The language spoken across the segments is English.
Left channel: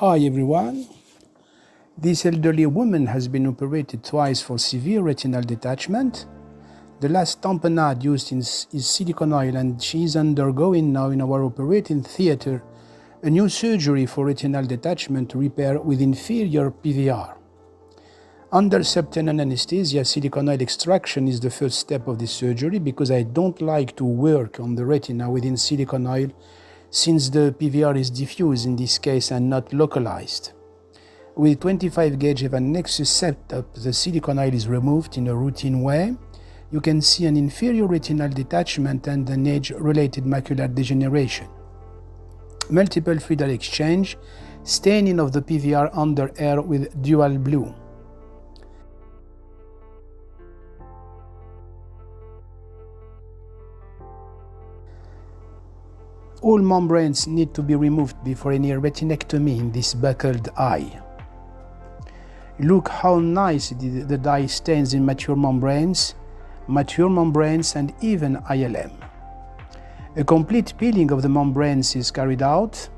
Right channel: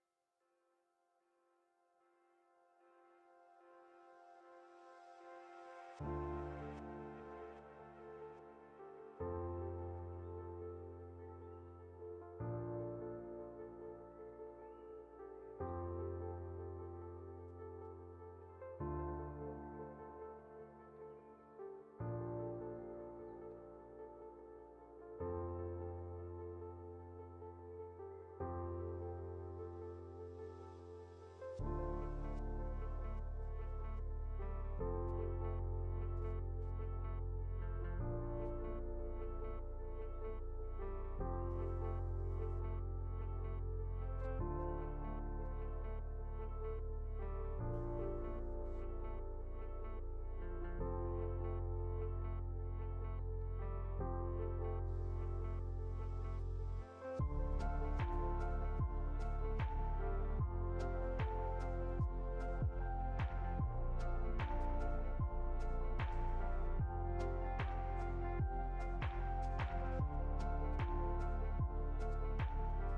Hi everyone. This elderly woman has been operated twice for severe retinal detachment. The last tamponade used is silicone oil, and she is undergoing now in our operating theater a new surgery for retinal detachment repair with inferior PVR. Under subtenon anesthesia, silicone oil extraction is the first step of this surgery because I don't like to work on the retina within silicone oil since the PVR is diffuse in this case and not localized. With 25 gauge Evan Nexus setup, the silicone oil is removed in a routine way. You can see an inferior retinal detachment and an age-related macular degeneration. Multiple fluidal exchange, staining of the PVR under air with dual blue. All membranes need to be removed before any retinectomy in this buckled eye. Look how nice the dye stains in mature membranes, and even ILM. A complete peeling of the membranes is carried out.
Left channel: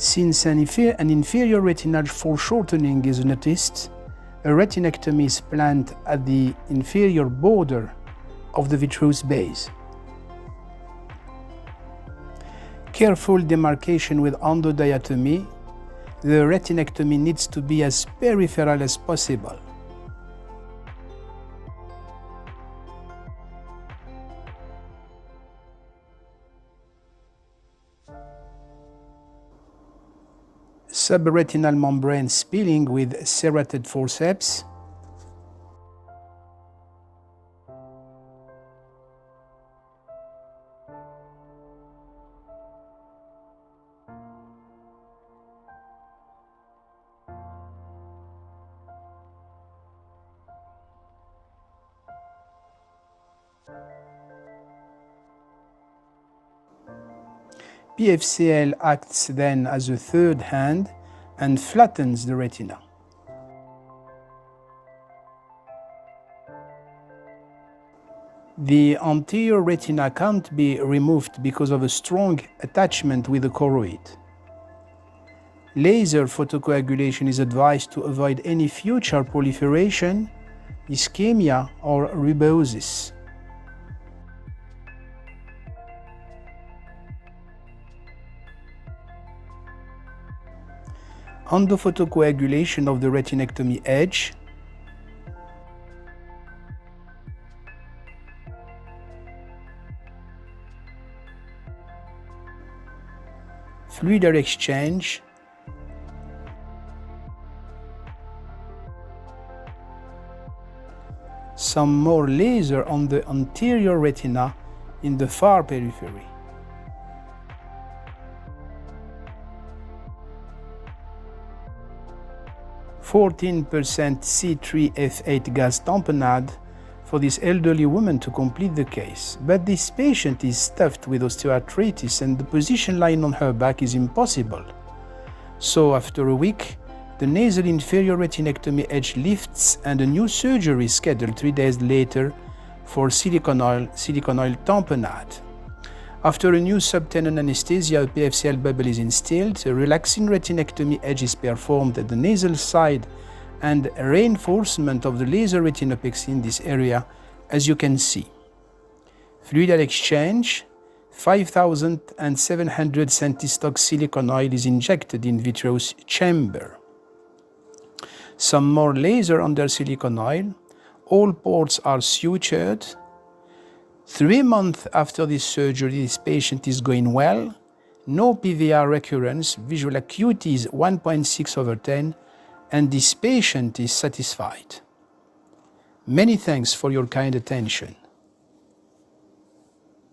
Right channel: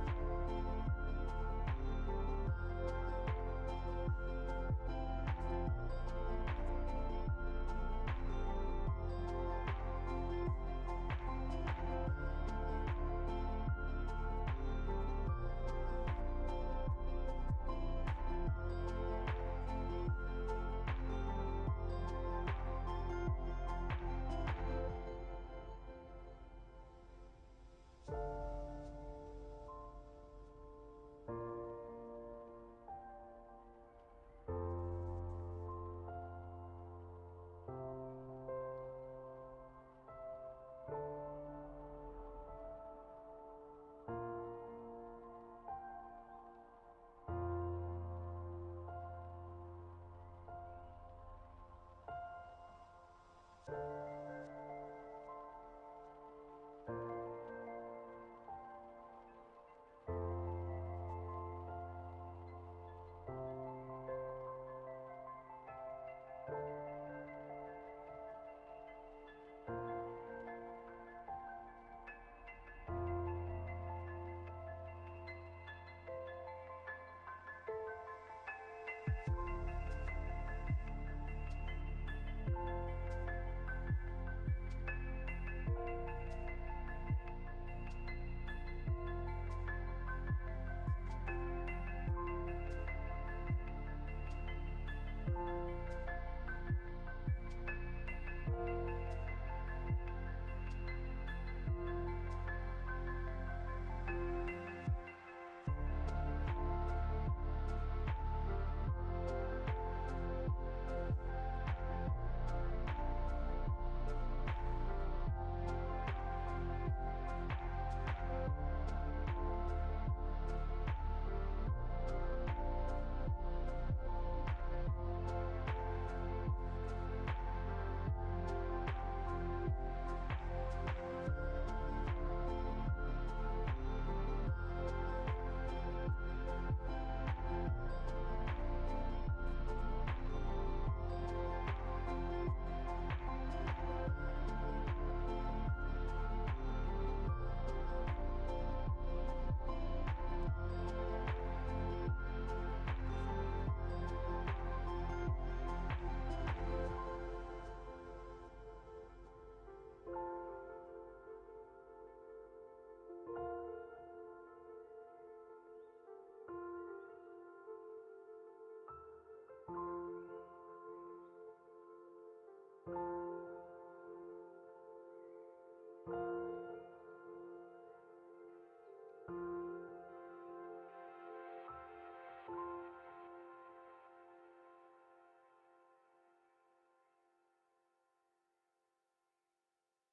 Since an inferior retinal foreshortening is noticed, a retinectomy is planned at the inferior border of the vitreous base. Careful demarcation with endodiatomy. The retinectomy needs to be as peripheral as possible. Subretinal membrane peeling with serrated forceps. PFCL acts then as a third hand and flattens the retina. The anterior retina can't be removed because of a strong attachment with the choroid. Laser photocoagulation is advised to avoid any future proliferation, ischemia, or rubeosis. Endophotocoagulation of the retinectomy edge. Fluidal exchange. Some more laser on the anterior retina in the far periphery. (14% C3F8 gas tamponade for this elderly woman to complete the case. But this patient is stuffed with osteoarthritis and the position lying on her back is impossible. So after a week, the nasal inferior retinectomy edge lifts and a new surgery is scheduled 3 days later for silicone oil tamponade. After a new subtenon anesthesia, a PFCL bubble is instilled, a relaxing retinectomy edge is performed at the nasal side, and reinforcement of the laser retinopexy in this area, as you can see. Fluidal exchange. 5,700 centistock silicone oil is injected in vitreous chamber. Some more laser under silicone oil. All ports are sutured. 3 months after this surgery, this patient is going well. No PVR recurrence. Visual acuity is 1.6/10, and this patient is satisfied. Many thanks for your kind attention.